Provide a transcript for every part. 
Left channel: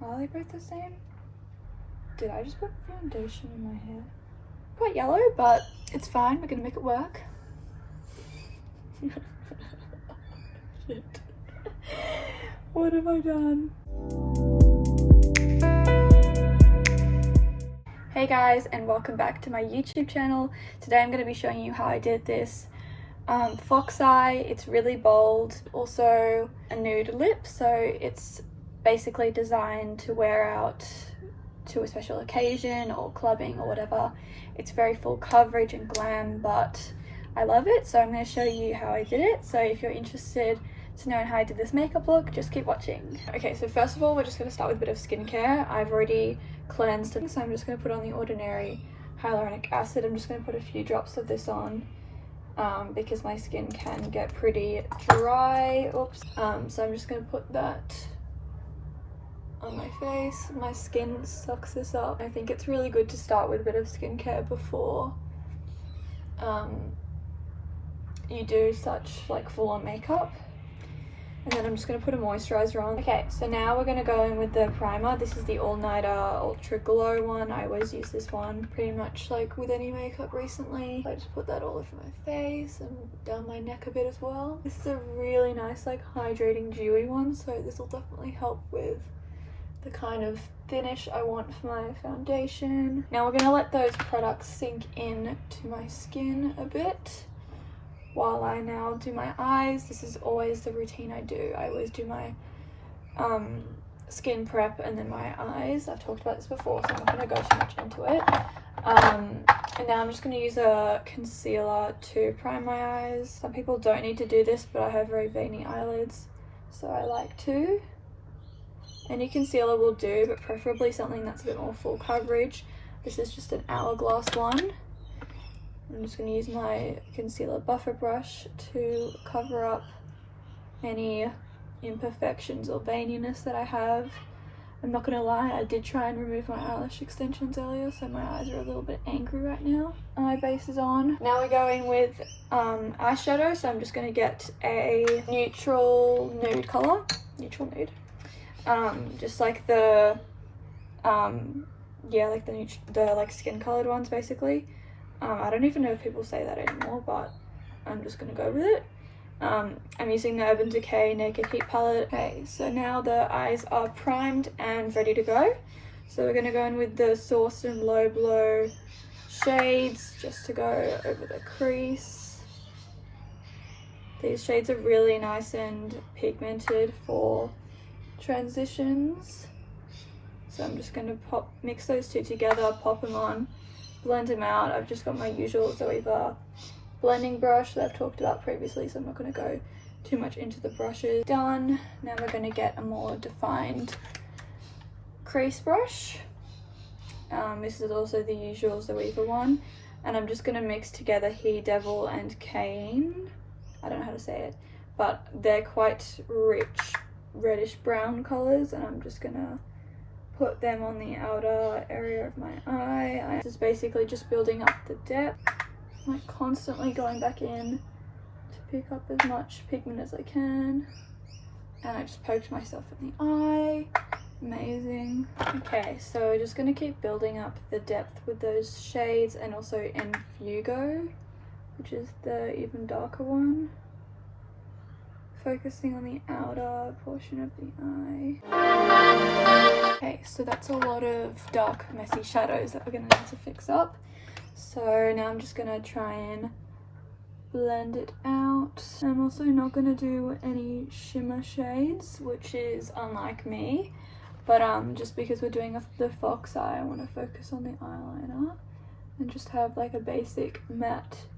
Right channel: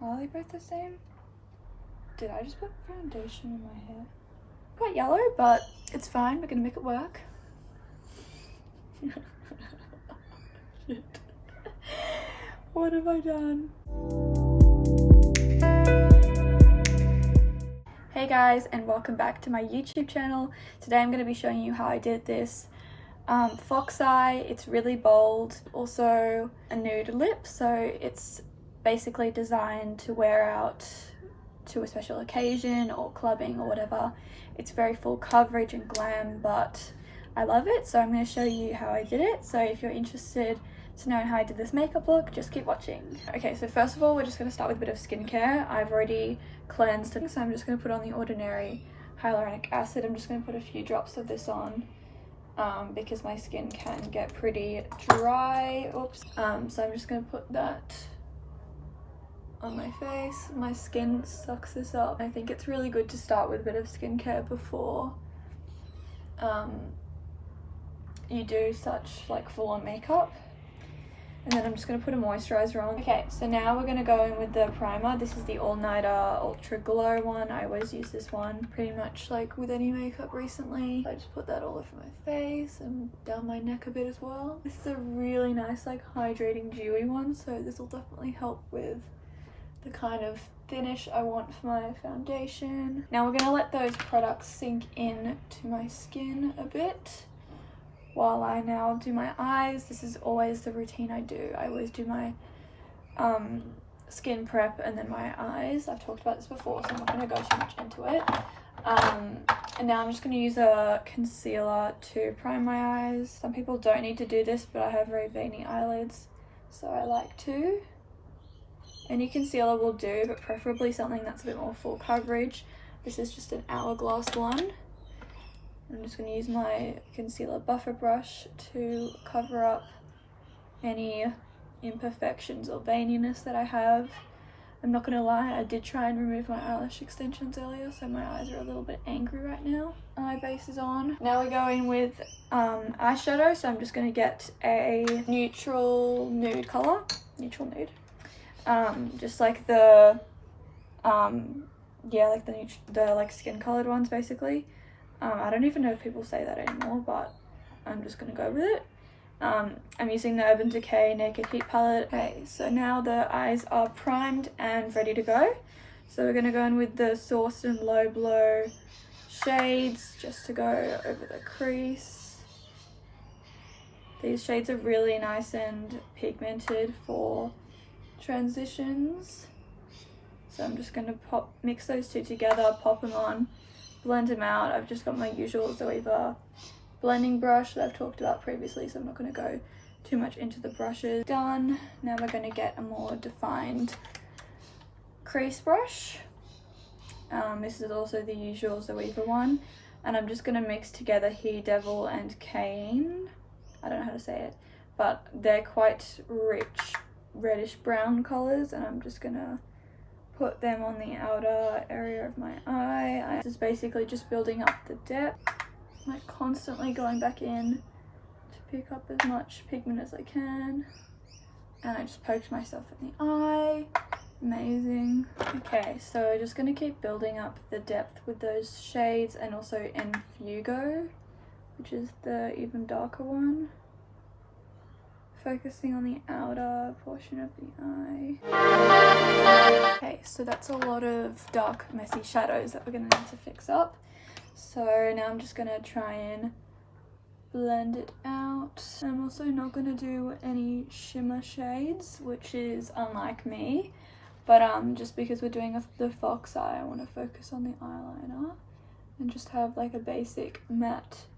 Are they both the same? Did I just put foundation in my hair? Quite yellow, but it's fine. We're gonna make it work. Shit. What have I done? Hey guys, and welcome back to my YouTube channel. Today I'm going to be showing you how I did this fox eye. It's really bold, also a nude lip, so it's basically designed to wear out to a special occasion or clubbing or whatever. It's very full coverage and glam, but I love it, so I'm going to show you how I did it. So if you're interested to know how I did this makeup look, just keep watching. Okay, so first of all, we're just going to start with a bit of skincare. I've already cleansed it, so I'm just going to put on the Ordinary hyaluronic acid. I'm just going to put a few drops of this on because my skin can get pretty dry. Oops. So I'm just going to put that on my face. My skin sucks this up. I think it's really good to start with a bit of skincare before you do such like full-on makeup. And then I'm just going to put a moisturizer on. Okay, so now we're going to go in with the primer. This is the All Nighter Ultra Glow one. I always use this one pretty much like with any makeup recently. I just put that all over my face and down my neck a bit as well. This is a really nice like hydrating dewy one, so this will definitely help with the kind of finish I want for my foundation. Now we're going to let those products sink in to my skin a bit while I now do my eyes. This is always the routine I do. I always do my skin prep and then my eyes. I've talked about this before, so I'm not going to go too much into it. And now I'm just going to use a concealer to prime my eyes. Some people don't need to do this, but I have very veiny eyelids, so I like to. Any concealer will do, but preferably something that's a bit more full coverage. This is just an Hourglass one. I'm just going to use my concealer buffer brush to cover up any imperfections or veininess that I have. I'm not going to lie, I did try and remove my eyelash extensions earlier, so my eyes are a little bit angry right now. Eye base is on. Now we're going with eyeshadow, so I'm just going to get a neutral nude colour. Neutral nude. Just like the, yeah, like the like skin coloured ones basically. I don't even know if people say that anymore, but I'm just going to go with it. I'm using the Urban Decay Naked Heat palette. Okay, so now the eyes are primed and ready to go. So we're going to go in with the Sourced and Low Blow shades just to go over the crease. These shades are really nice and pigmented for transitions. So I'm just going to mix those two together, pop them on, blend them out. I've just got my usual Zoeva blending brush that I've talked about previously, so I'm not going to go too much into the brushes. Done. Now we're going to get a more defined crease brush. This is also the usual Zoeva one, and I'm just going to mix together He Devil and Cane. I don't know how to say it, but they're quite rich reddish brown colours, and I'm just going to put them on the outer area of my eye. This is basically just building up the depth, like constantly going back in to pick up as much pigment as I can. And I just poked myself in the eye. Amazing. Okay, so we're just going to keep building up the depth with those shades, and also Enfugo, which is the even darker one. Focusing on the outer portion of the eye. Okay, so that's a lot of dark, messy shadows that we're going to need to fix up. So now I'm just going to try and blend it out. I'm also not going to do any shimmer shades, which is unlike me. But just because we're doing the fox eye, I want to focus on the eyeliner and just have like a basic matte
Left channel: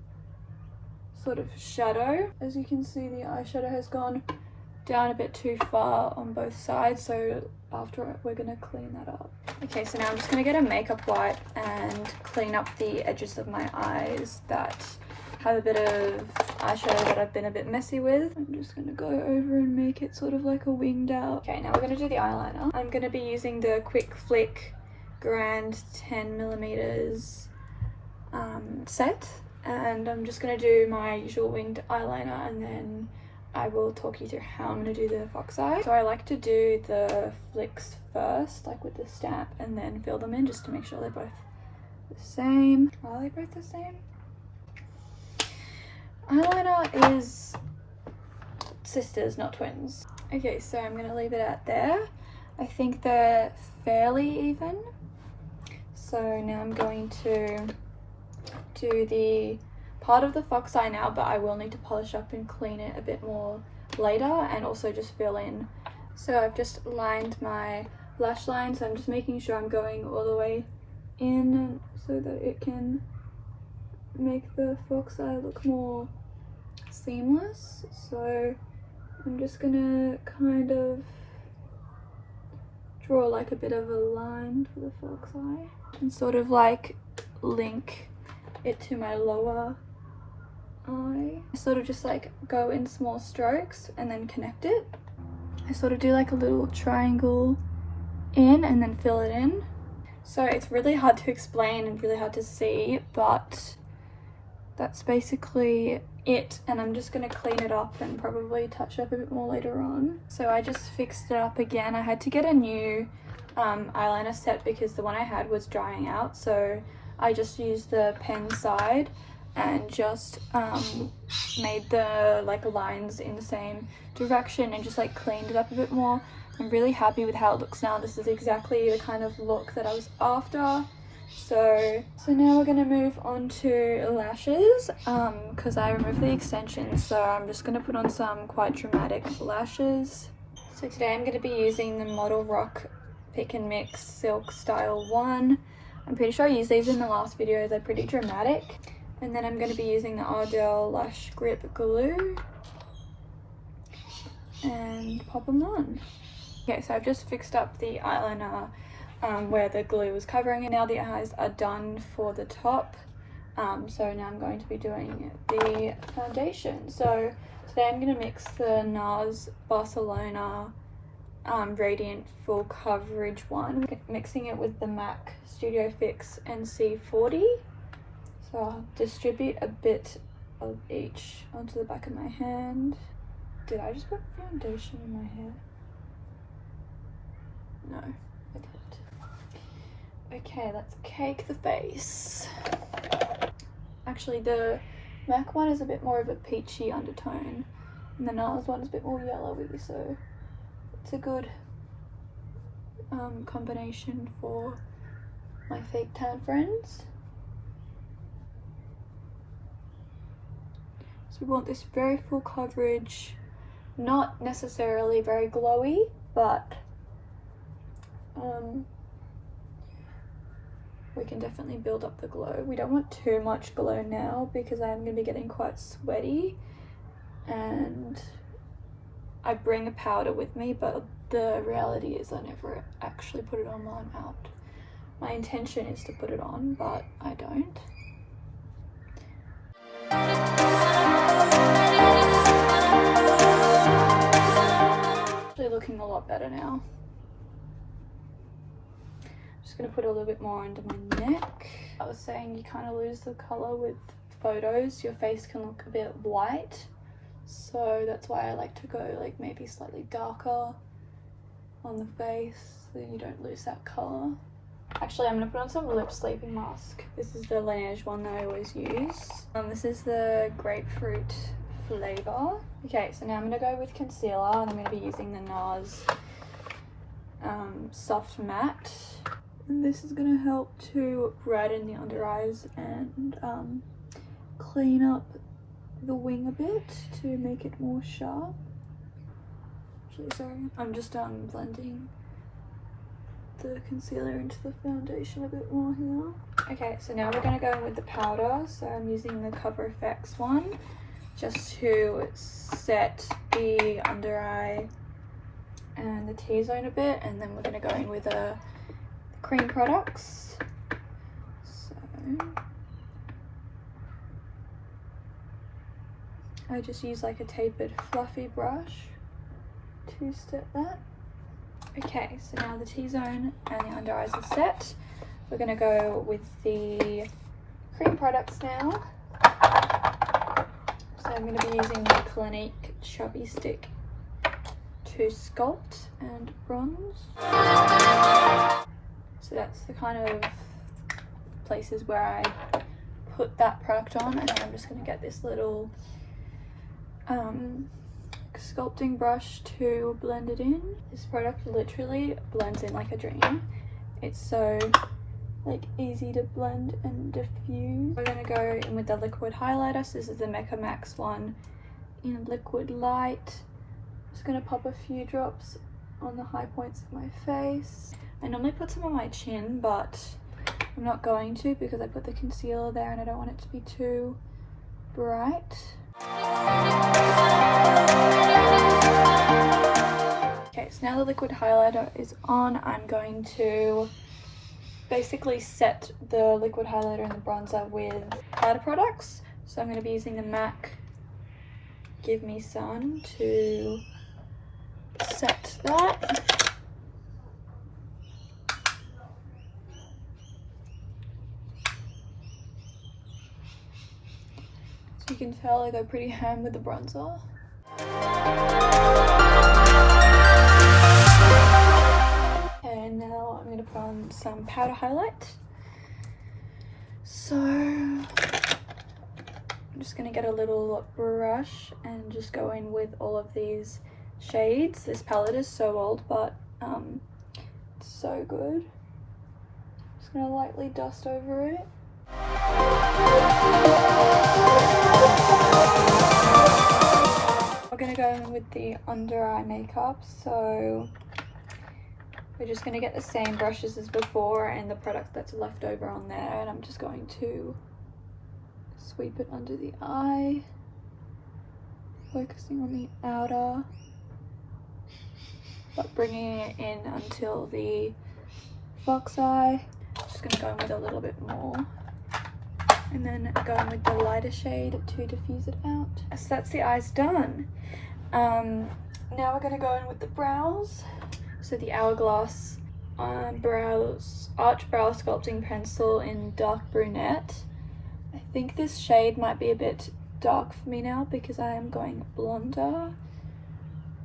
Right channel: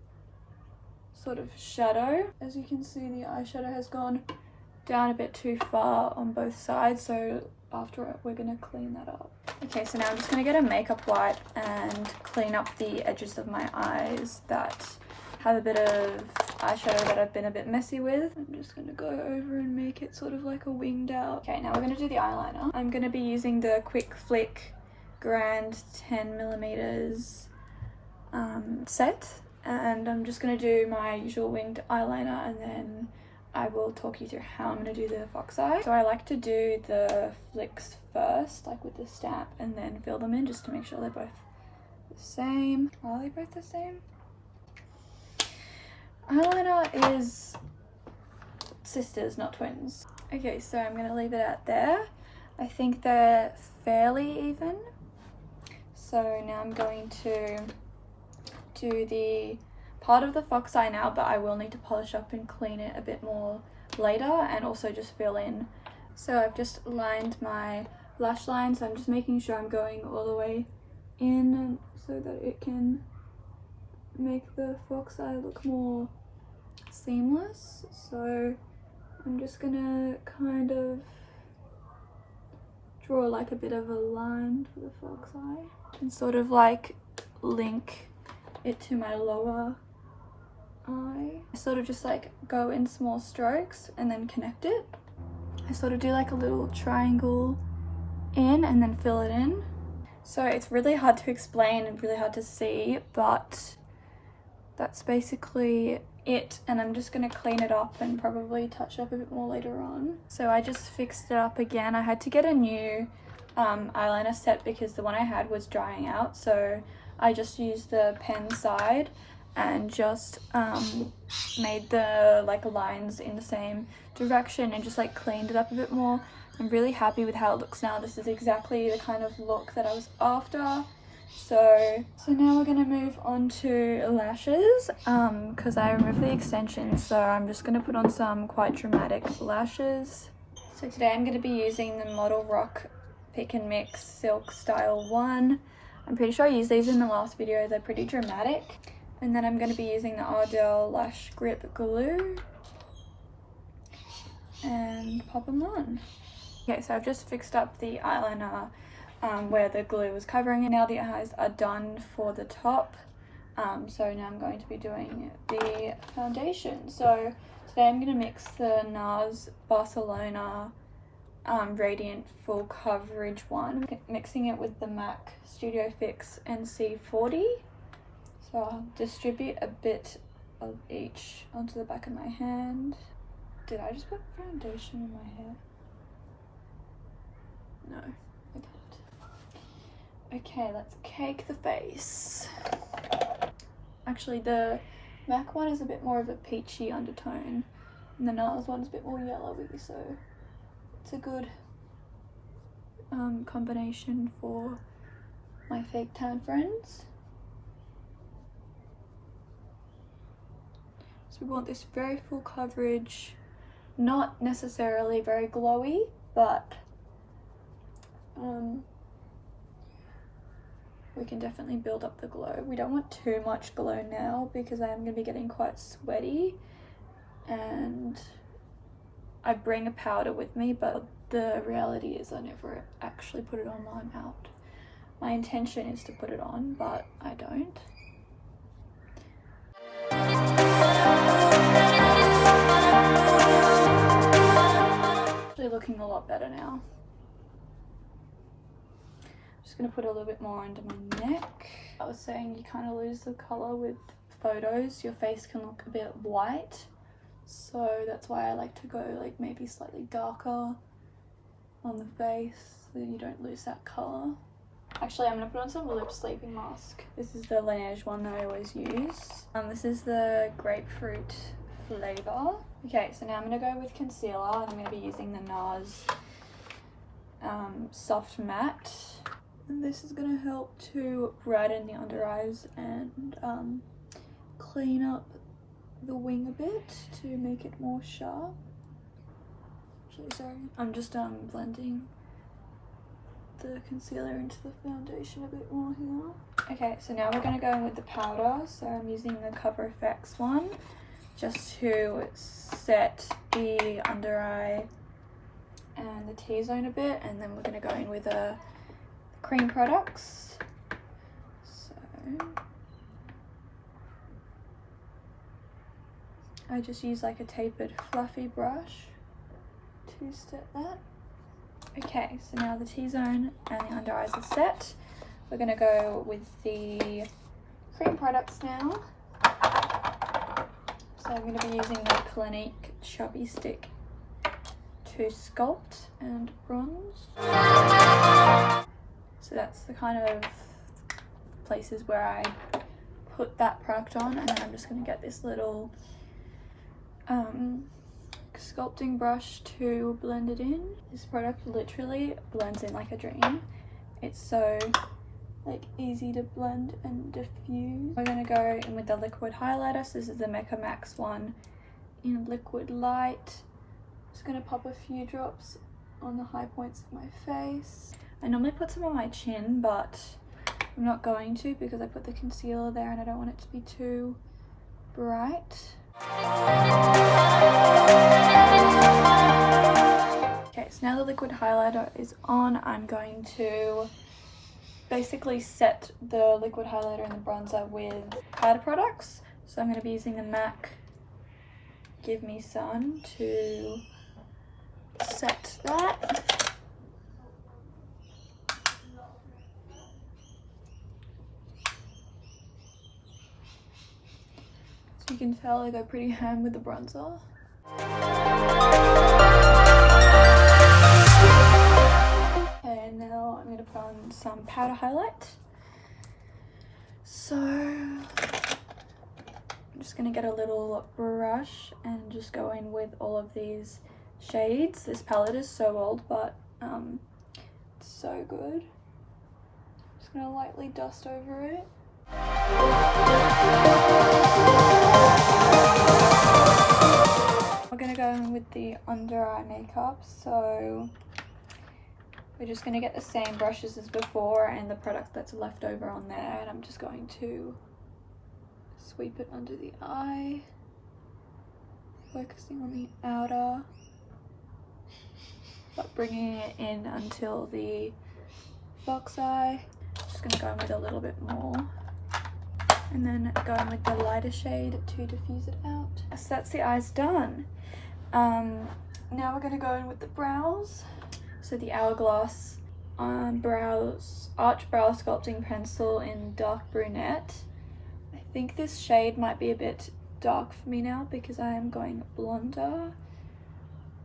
sort of shadow. As you can see, the eyeshadow has gone down a bit too far on both sides, so after it we're going to clean that up. Okay, so now I'm just going to get a makeup wipe and clean up the edges of my eyes that have a bit of eyeshadow that I've been a bit messy with. I'm just going to go over and make it sort of like a winged out. Okay, now we're going to do the eyeliner. I'm going to be using the Quick Flick Grand 10mm set, and I'm just going to do my usual winged eyeliner and then I will talk you through how I'm going to do the fox eye. So I like to do the flicks first, like with the stamp, and then fill them in just to make sure they're both the same. Are they both the same? Eyeliner is sisters, not twins. Okay, so I'm going to leave it out there. I think they're fairly even. So now I'm going to do the part of the fox eye now, but I will need to polish up and clean it a bit more later, and also just fill in. So I've just lined my lash line, so I'm just making sure I'm going all the way in so that it can make the fox eye look more seamless. So I'm just gonna kind of draw like a bit of a line for the fox eye and sort of like link it to my lower eye. I sort of just like go in small strokes and then connect it. I sort of do like a little triangle in and then fill it in. So it's really hard to explain and really hard to see, but that's basically it. And I'm just going to clean it up and probably touch it up a bit more later on. So I just fixed it up again. I had to get a new eyeliner set because the one I had was drying out, so I just used the pen side and just made the like lines in the same direction and just like cleaned it up a bit more. I'm really happy with how it looks now. This is exactly the kind of look that I was after. So now we're gonna move on to lashes because I removed the extensions, so I'm just gonna put on some quite dramatic lashes. So today I'm gonna be using the Model Rock Pick and Mix Silk Style 1. I'm pretty sure I used these in the last video. They're pretty dramatic. And then I'm going to be using the Ardell Lash Grip Glue and pop them on. Okay, so I've just fixed up the eyeliner where the glue was covering it. Now the eyes are done for the top. So now I'm going to be doing the foundation. So today I'm going to mix the NARS Barcelona Radiant Full Coverage one, mixing it with the MAC Studio Fix NC40. So I'll distribute a bit of each onto the back of my hand. Did I just put foundation in my hair? No, I didn't. Okay, let's cake the face. Actually, the MAC one is a bit more of a peachy undertone, and the NARS one is a bit more yellowy, so it's a good combination for my fake tan friends. So we want this very full coverage, not necessarily very glowy, but we can definitely build up the glow. We don't want too much glow now because I am going to be getting quite sweaty, and I bring a powder with me, but the reality is I never actually put it on while I'm out. My intention is to put it on, but I don't. They're looking a lot better now. Just gonna put a little bit more under my neck. I was saying you kind of lose the color with photos. Your face can look a bit white, so that's why I like to go like maybe slightly darker on the face so you don't lose that color. Actually, I'm gonna put on some lip sleeping mask. This is the Laneige one that I always use. This is the grapefruit flavor. Okay, so now I'm gonna go with concealer, and I'm gonna be using the NARS Soft Matte. And this is gonna help to brighten the under eyes and clean up the wing a bit to make it more sharp. Actually, sorry, I'm just blending the concealer into the foundation a bit more here. Okay, so now we're going to go in with the powder. So I'm using the Cover FX one just to set the under eye and the T-zone a bit, and then we're going to go in with the cream products. So I just use like a tapered fluffy brush to set that. Okay, so now the T-zone and the under eyes are set. We're going to go with the cream products now. So So I'm going to be using the Clinique Chubby Stick to sculpt and bronze. So that's the kind of places where I put that product on, and then I'm just going to get this little sculpting brush to blend it in. This product literally blends in like a dream. It's so like easy to blend and diffuse. We're going to go in with the liquid highlighter. So this is the Mecca Max one in liquid light. Just going to pop a few drops on the high points of my face. I normally put some on my chin, but I'm not going to because I put the concealer there and I don't want it to be too bright. Okay, so now the liquid highlighter is on, I'm going to basically set the liquid highlighter and the bronzer with powder products. So I'm going to be using the MAC Give Me Sun to set that. You can tell I go pretty ham with the bronzer. And now I'm going to put on some powder highlight. So I'm just going to get a little brush and just go in with all of these shades. This palette is so old, but it's so good. Just going to lightly dust over it. We're going to go in with the under eye makeup, so we're just going to get the same brushes as before and the product that's left over on there, and I'm just going to sweep it under the eye, focusing on the outer, but bringing it in until the fox eye. Just going to go in with a little bit more. And then go in with the lighter shade to diffuse it out. So that's the eyes done. Now we're going to go in with the brows. So the Hourglass arch brow sculpting pencil in dark brunette. I think this shade might be a bit dark for me now because I am going blonder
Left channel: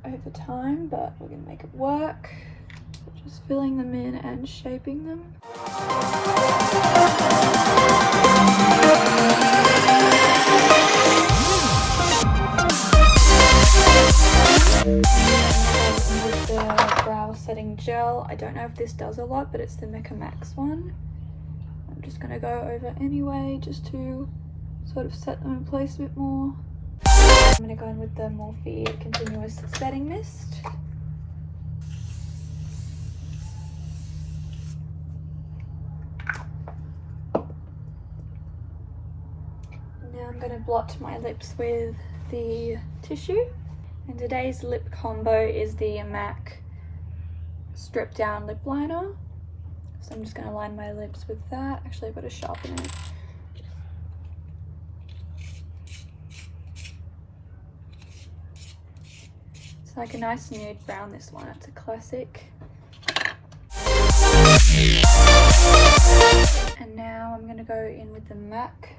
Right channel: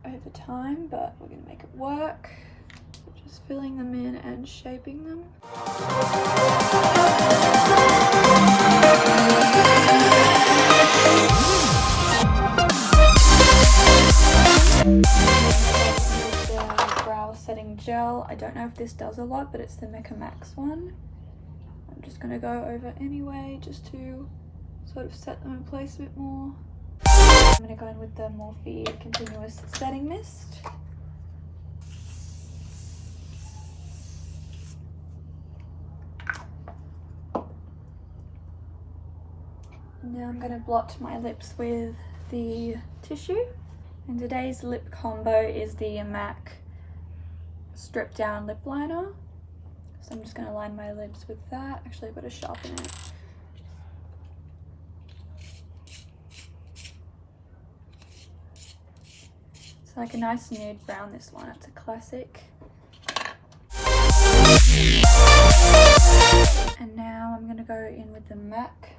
over time, but we're going to make it work. Just filling them in and shaping them. With the brow setting gel, I don't know if this does a lot, but it's the Mecca Max one. I'm just going to go over anyway just to sort of set them in place a bit more. I'm going to go in with the Morphe Continuous Setting Mist. Now I'm going to blot my lips with the tissue. And today's lip combo is the MAC Strip Down Lip Liner. So I'm just going to line my lips with that. Actually, I've got to sharpen it. It's like a nice nude brown, this one. It's a classic. And now I'm going to go in with the MAC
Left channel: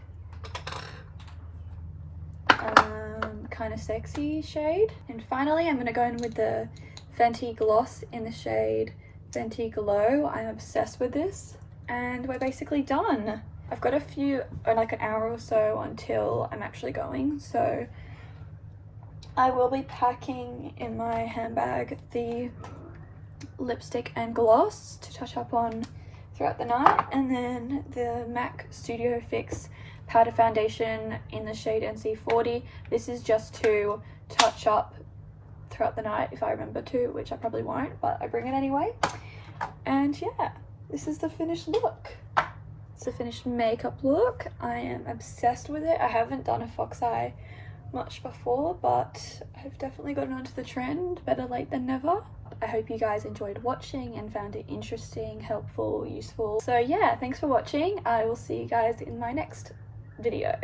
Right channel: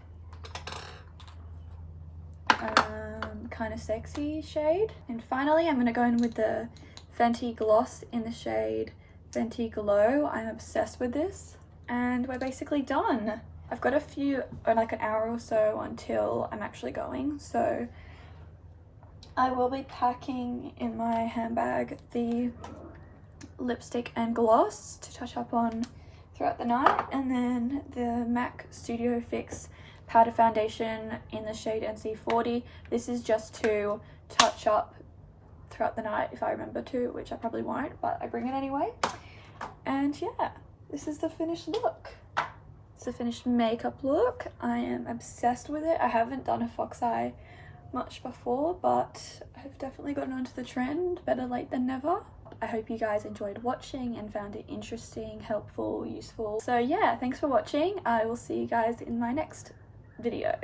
kind of sexy shade. And finally I'm going to go in with the Fenty Gloss in the shade Fenty Glow. I'm obsessed with this, and we're basically done. I've got a few, like an hour or so until I'm actually going, so I will be packing in my handbag the lipstick and gloss to touch up on throughout the night, and then the MAC Studio Fix powder foundation in the shade NC40. This is just to touch up throughout the night if I remember to, which I probably won't, but I bring it anyway. And yeah, this is the finished look. It's the finished makeup look. I am obsessed with it. I haven't done a fox eye much before, but I've definitely gotten onto the trend. Better late than never. I hope you guys enjoyed watching and found it interesting, helpful, useful. So yeah, thanks for watching. I will see you guys in my next video.